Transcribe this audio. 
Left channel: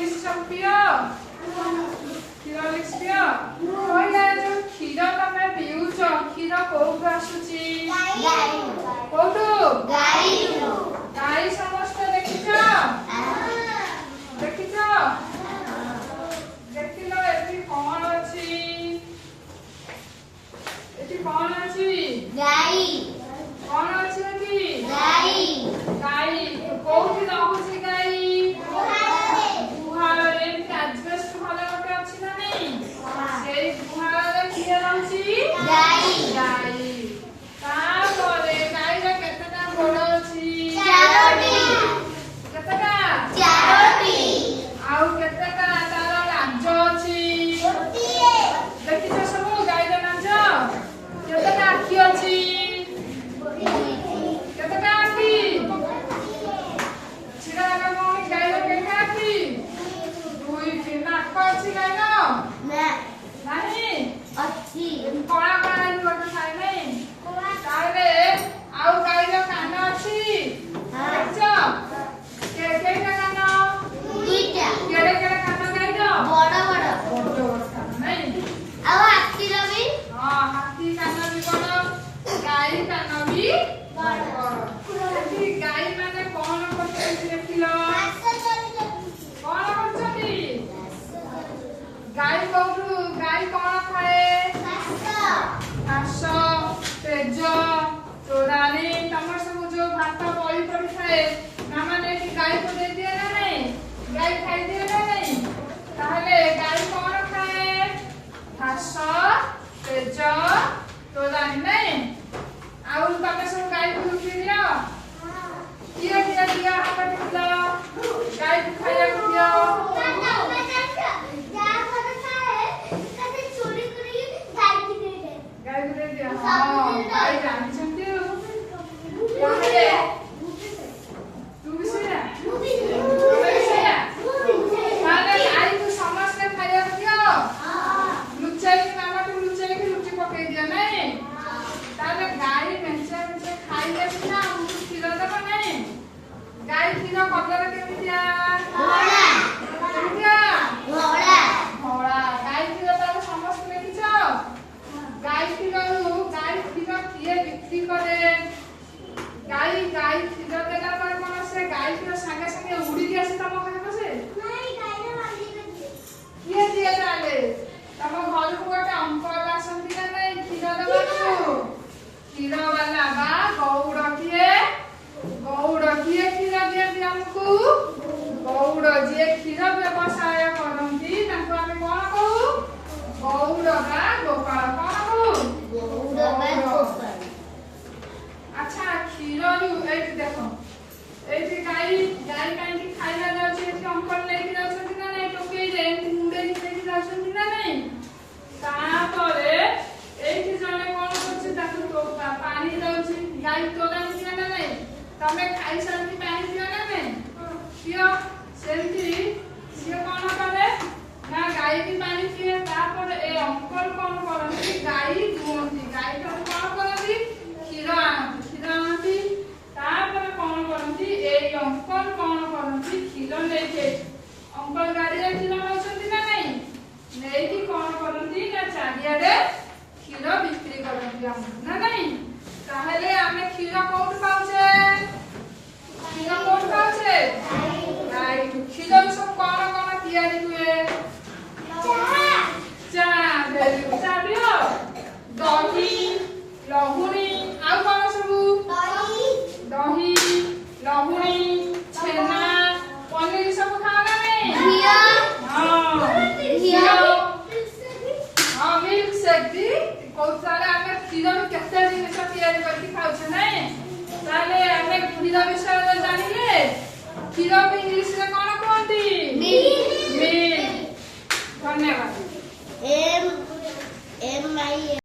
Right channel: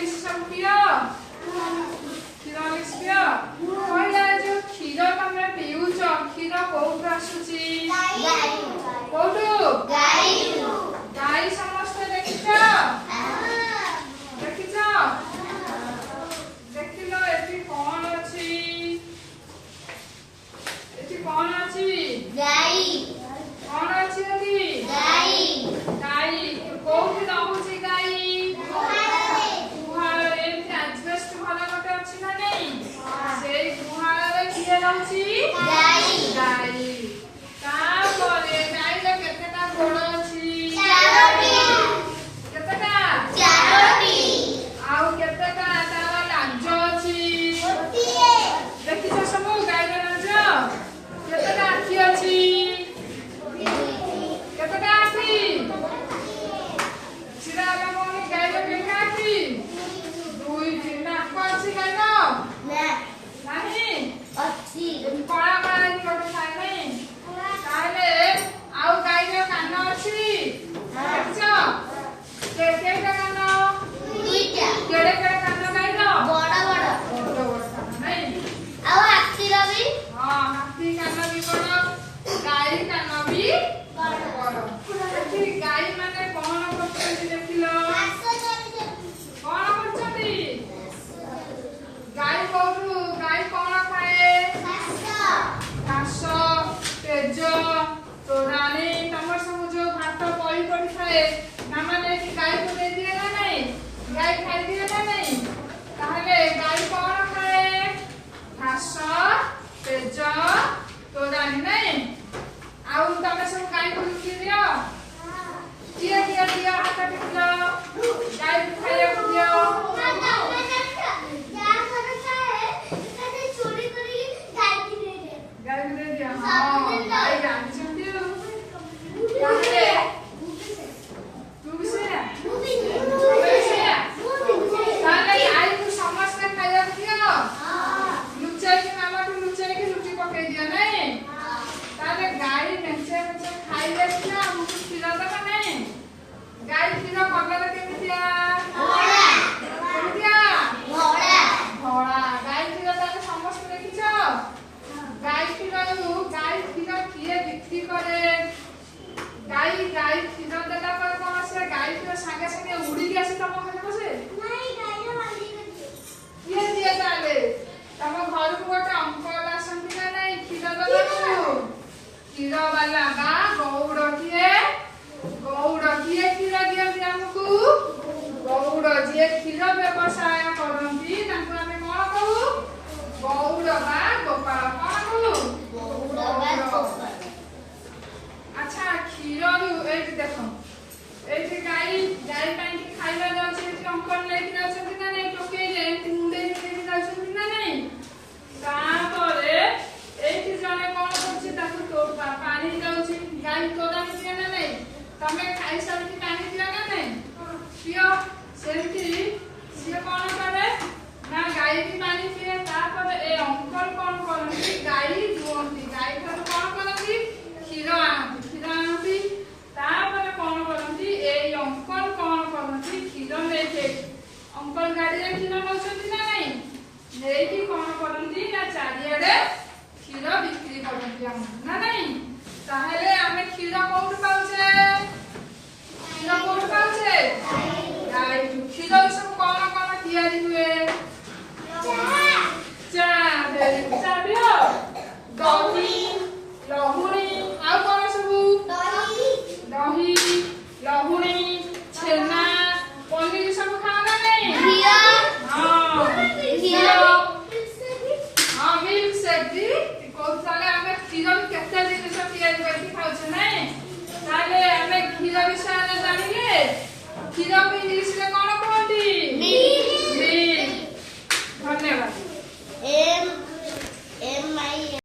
लिखी सब पियो क्षीर लिखी पियो कहले जो क्षीर तमे पिउछ क्षीर कोउठु आसुची कोउठु गाई समस्त देखिछ देखिलो एठी कोन अछि गाई कोन अछि एठी गाई कोउठु रहउची गाई गुहाळे एजबेस्ट घर गोटे अछि ना नहीं सेई गुहाळे किए रहउची गाई तापरे गाई रे केतेटा गोड़ अछि केतेटा आउ केतेटा तारा लाज अछि देखिछ सब गाई रे लाज केतेटा आखि अछि केतेटा आखि छिरा लागो गाई रे केतेटा आखि दुई तीन नाक अछि गाई रो नाही कणा कणा गोटे खाई नहीं ताले आउ गाई रो कान अछि देखछ केते कान केड़े केड़े कान गाई रो बड़ कान नहीं हां हाथी कान भी बड़ गाई कान भी बड़ गाई माने कोन करछी देखिलो कोन करछी गाई कोठु गाई कोन खाए घास तेज तोरानी तमर सब जो भात पई पड़ी खाए ना माने कि गाई को दे दिए ना नहीं गाई खाई दिए ना नहीं ताहले गाई कोन खाए घास तेज तोरानी नहीं आउ तमे सब गाई को लुटी दियो दिया हाथ टिकला गाई को खाइया को दियो गाई को दे दियो हां गाई जानी सुनती हो ताहले तू भी सुना ताहले गाई को समस्त खाइया को दियो लुचाई की मामा को लुचाई की लुटी पकई दियो नहीं ताहले गाई मेंचे खाई ले ना हमको क्षीर देबा नहीं गाई क्षीर कलर केमितिया केमितिया धोड़ा गाई क्षीर तो समस्त देखिछ गाई क्षीर किए बिक्री करे गाई क्षीर देला पर कोन से गाई क्षीर संगे संगे उड़ी के आसे तम घरे बसे किए दिए ताले तम घर को गोटे अंकल आसंती ना नहीं क्षीर देबा क्षीर वाला बा गौड़ किए क्षीर दिए हमको गौड़ जे क्षीर व्यवसाय करंती तांको आमे कोन कहू गौड़ बा गोपाल कोन कहू अच्छा क्षीर रु एठी देखो एठी गाई पाई की खाइला जाउची एठी अंकल लेके जाउछंती ना नहीं टोके जे एठी मुंडे लेके जाउछंती ना नहीं तापरे एठी जने कोन करछि ताकू तो पानी जाउची गाई तोरा निया ना नहीं तमे खाई सारती पानी पिया ना नहीं पियो सेमती सिए कोन करे ना गाई भी पानी पिए तापर ए अंकल कोन करंती गाई दुहंती गाई तो कोन करंती क्षीर आनती तापर कोन करंती ए अंकल कोन करंती क्षीर लेके अंकल गाड़ी रे क्षीर नौछंती ना नहीं नेकी कोन करंती ना चारियाडे क्षीर बिक्री करंती हम ना नहीं ताहले आमे क्षीर कोउठ पाउछे गाई क्षीर सब कोन कोन तयारी हुए चा दियो दही लहुणी आउ कोन सब दही लहुणी छेना पनीर सब खाना नहीं हां मिल्क शेक दी कोसाला आमे क्षीर केते दिन सब तयारी करके खाउछ नहीं ताले आमे क्षीर विषय जानिले क्षीर को इंग्लिश रे कोन